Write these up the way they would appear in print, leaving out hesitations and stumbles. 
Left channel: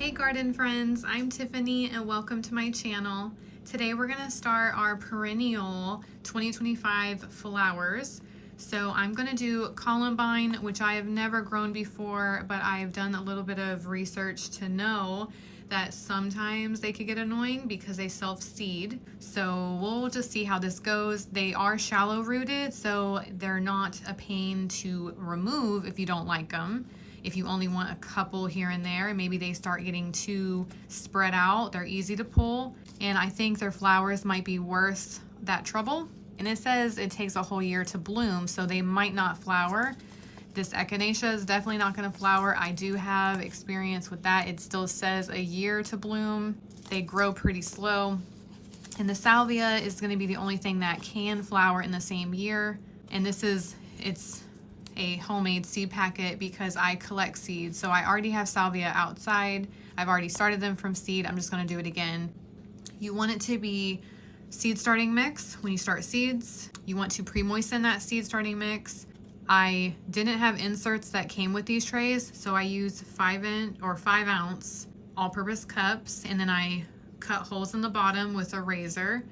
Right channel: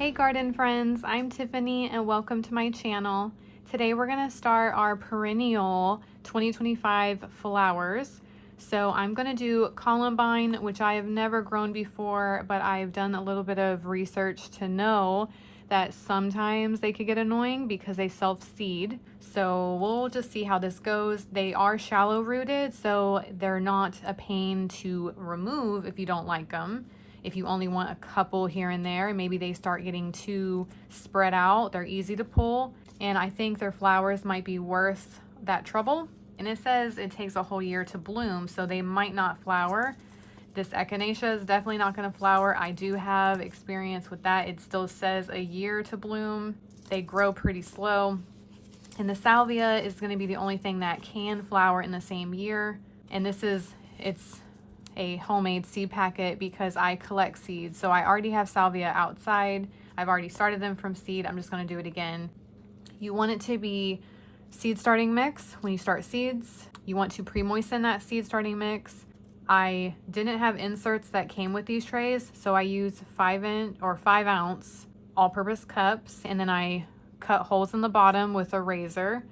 Hey garden friends, I'm Tiffany and welcome to my channel. Today we're going to start our Perennial 2025 flowers. So I'm going to do Columbine, which I have never grown before, but I've done a little bit of research to know that sometimes they could get annoying because they self-seed. So we'll just see how this goes. They are shallow rooted, so they're not a pain to remove if you don't like them. If you only want a couple here and there, maybe they start getting too spread out, they're easy to pull. And I think their flowers might be worth that trouble. And it says it takes a whole year to bloom, so they might not flower. This Echinacea is definitely not going to flower. I do have experience with that. It still says a year to bloom. They grow pretty slow. And the Salvia is going to be the only thing that can flower in the same year. And it's a homemade seed packet because I collect seeds. So I already have Salvia outside. I've already started them from seed. I'm just going to do it again. You want it to be seed starting mix when you start seeds. You want to pre-moisten that seed starting mix. I didn't have inserts that came with these trays, so I use 5 ounce all-purpose cups, and then I cut holes in the bottom with a razor.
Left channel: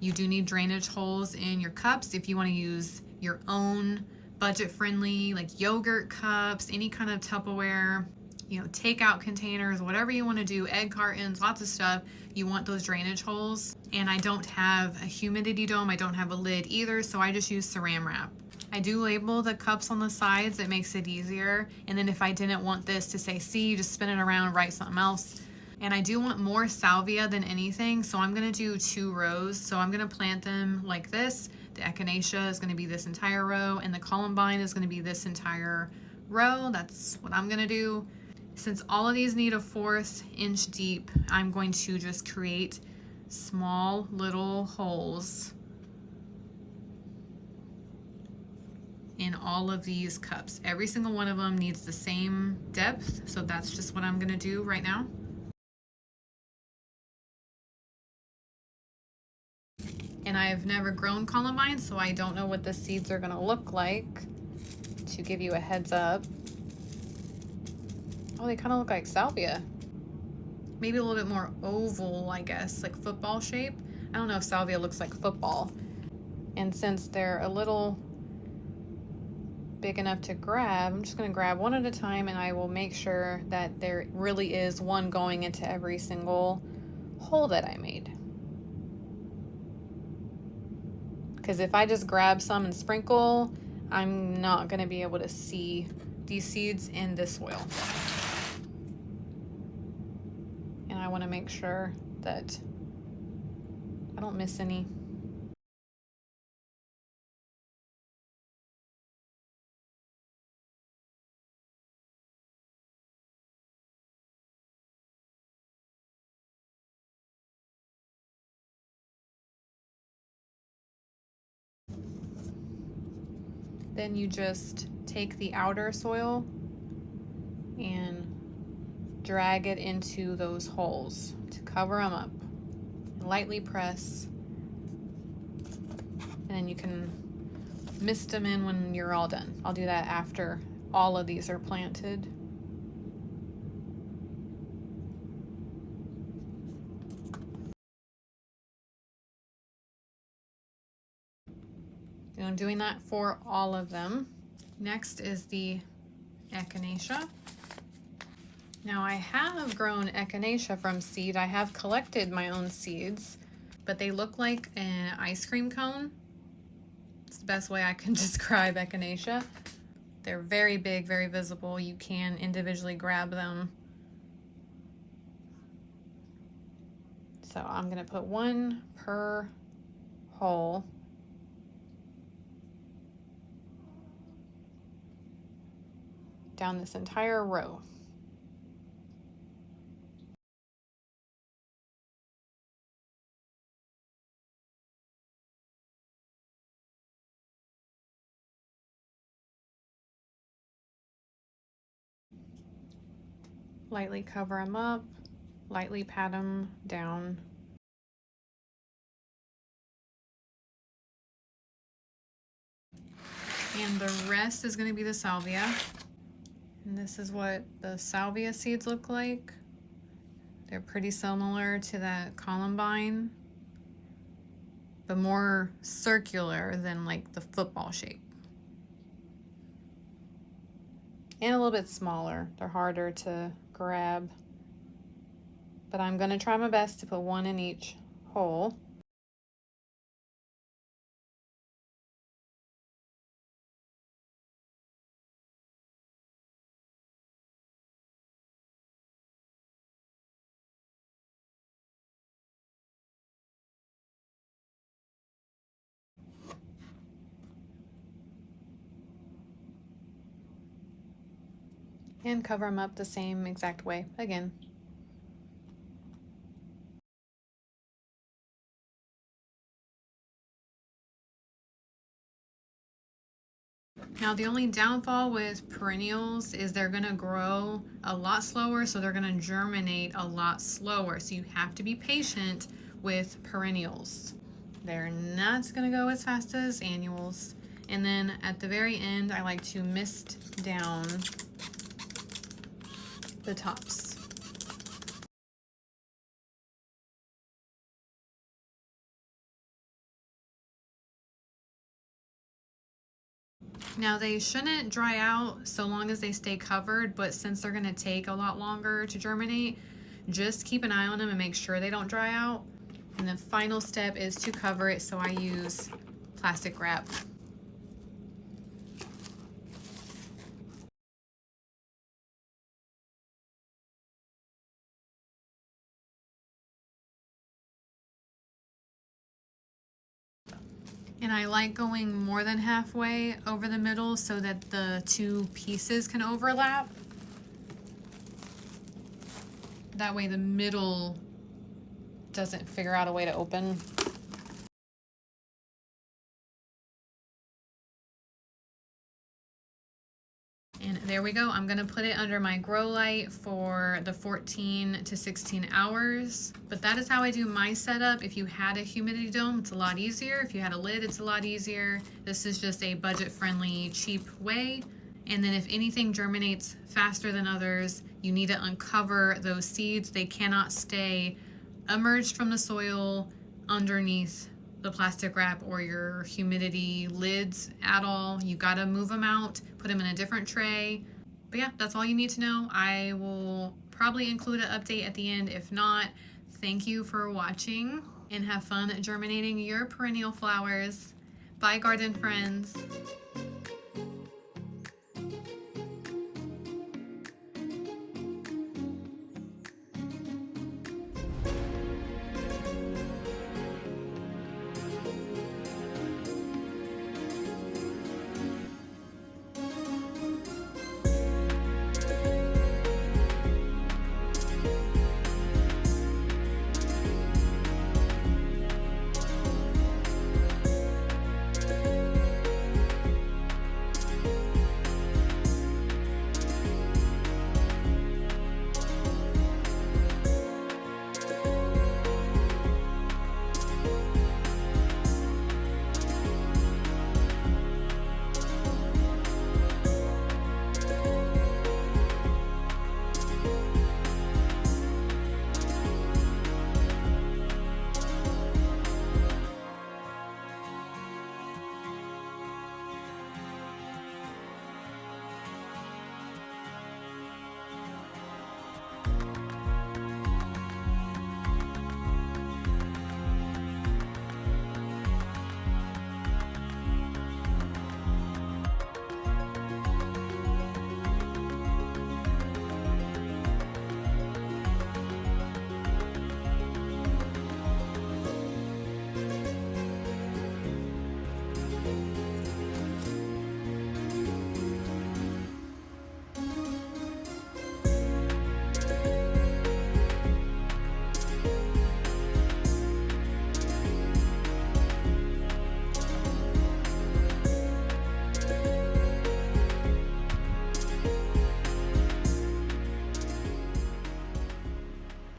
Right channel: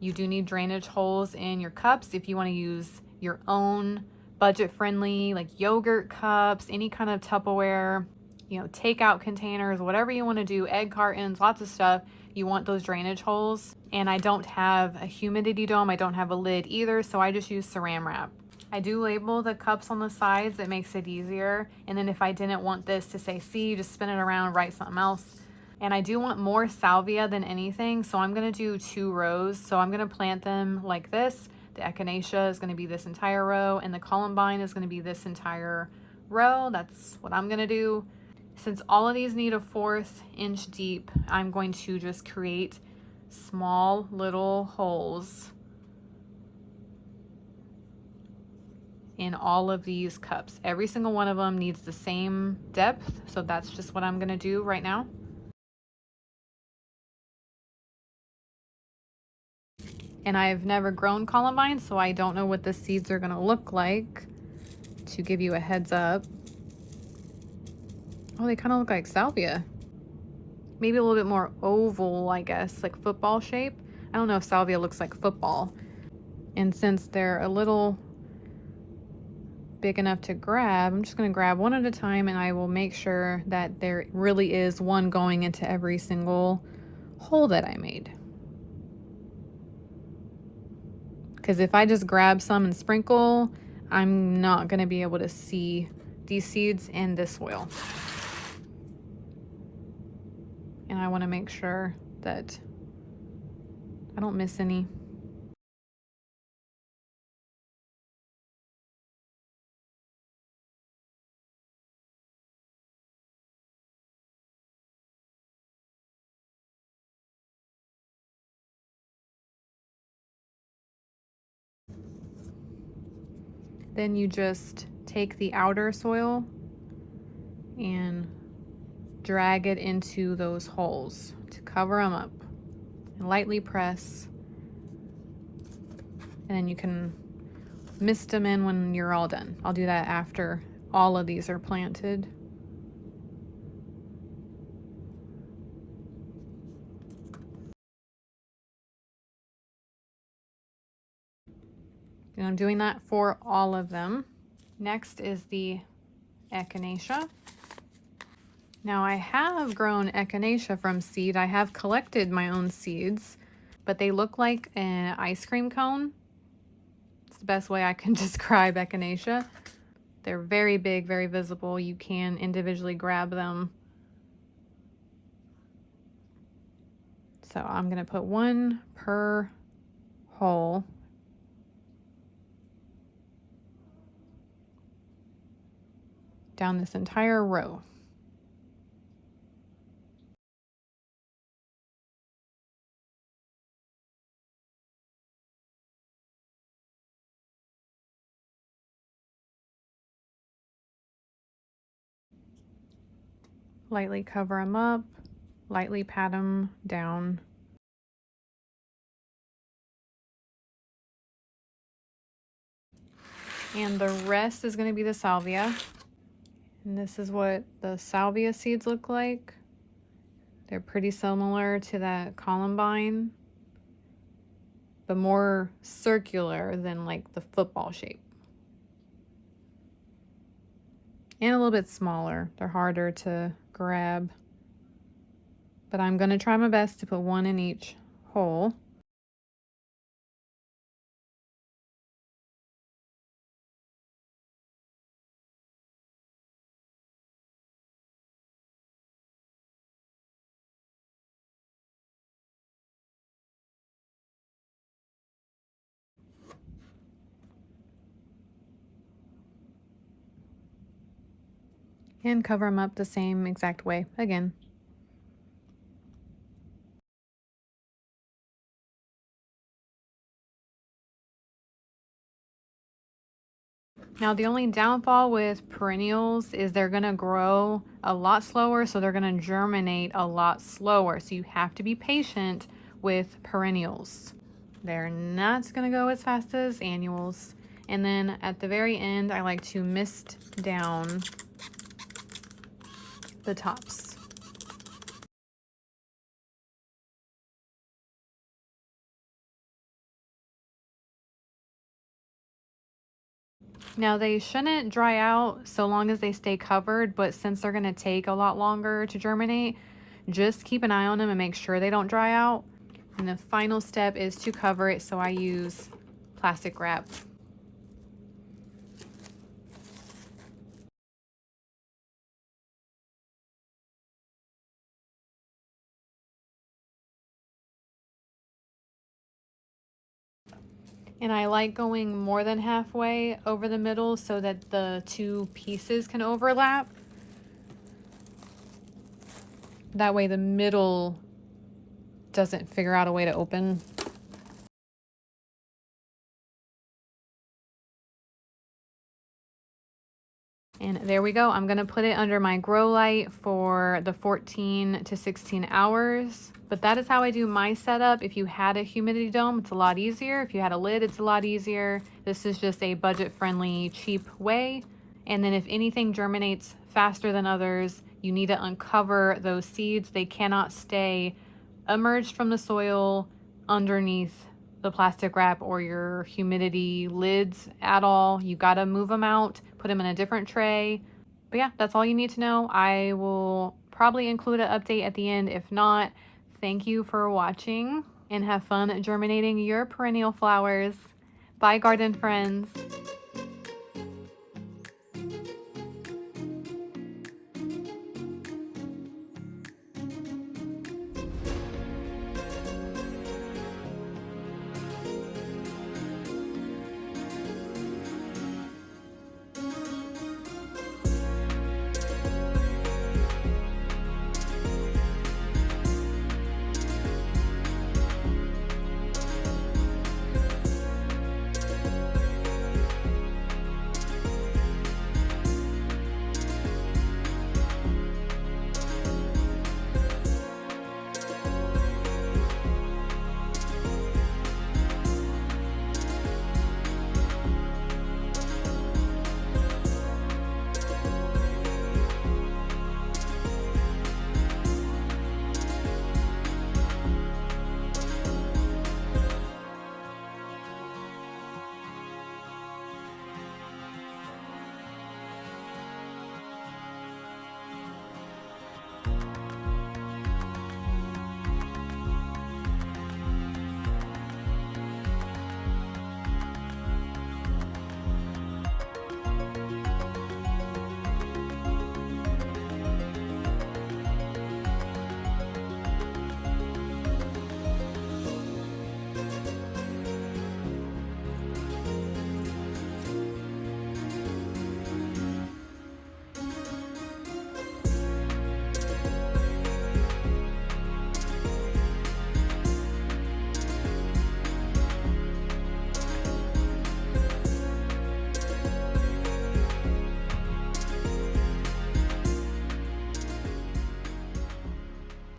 You do need drainage holes in your cups if you want to use your own budget-friendly like yogurt cups, any kind of Tupperware, takeout containers, whatever you want to do, egg cartons, lots of stuff. You want those drainage holes. And I don't have a humidity dome. I don't have a lid either, so I just use saran wrap. I do label the cups on the sides. It makes it easier. And then if I didn't want this to say C, just spin it around, write something else. And I do want more salvia than anything, so I'm going to do 2 rows. So I'm going to plant them like this. The Echinacea is going to be this entire row, and the Columbine is going to be this entire row. That's what I'm going to do. Since all of these need a 1/4 inch deep, I'm going to just create small little holes in all of these cups. Every single one of them needs the same depth, so that's just what I'm going to do right now. And I've never grown Columbine, so I don't know what the seeds are gonna look like, to give you a heads up. Oh, they kind of look like salvia. Maybe a little bit more oval, I guess, like football shape. I don't know if salvia looks like football. And since they're a little big enough to grab, I'm just gonna grab one at a time, and I will make sure that there really is one going into every single hole that I made. Because if I just grab some and sprinkle, I'm not going to be able to see these seeds in this soil. And I want to make sure that I don't miss any. Then you just take the outer soil and drag it into those holes to cover them up. And lightly press. And then you can mist them in when you're all done. I'll do that after all of these are planted. And I'm doing that for all of them. Next is the Echinacea. Now I have grown Echinacea from seed. I have collected my own seeds, but they look like an ice cream cone. It's the best way I can describe Echinacea. They're very big, very visible. You can individually grab them. So I'm gonna put 1 per hole. Down this entire row. Lightly cover them up, lightly pat them down. And the rest is going to be the salvia. And this is what the salvia seeds look like. They're pretty similar to that columbine, but more circular than like the football shape. And a little bit smaller. They're harder to grab. But I'm going to try my best to put one in each hole. And cover them up the same exact way again. Now the only downfall with perennials is they're gonna grow a lot slower, so they're gonna germinate a lot slower. So you have to be patient with perennials. They're not gonna go as fast as annuals. And then at the very end, I like to mist down the tops. Now they shouldn't dry out so long as they stay covered, but since they're gonna take a lot longer to germinate, just keep an eye on them and make sure they don't dry out. And the final step is to cover it, so I use plastic wrap. And I like going more than halfway over the middle so that the two pieces can overlap. That way the middle doesn't figure out a way to open. And there we go. I'm gonna put it under my grow light for the 14 to 16 hours. But that is how I do my setup. If you had a humidity dome, it's a lot easier. If you had a lid, it's a lot easier. This is just a budget-friendly, cheap way. And then if anything germinates faster than others, you need to uncover those seeds. They cannot stay emerged from the soil underneath the plastic wrap or your humidity lids at all. You gotta move them out, put them in a different tray. But yeah, that's all you need to know. I will probably include an update at the end. If not, thank you for watching and have fun germinating your perennial flowers. Bye, garden friends.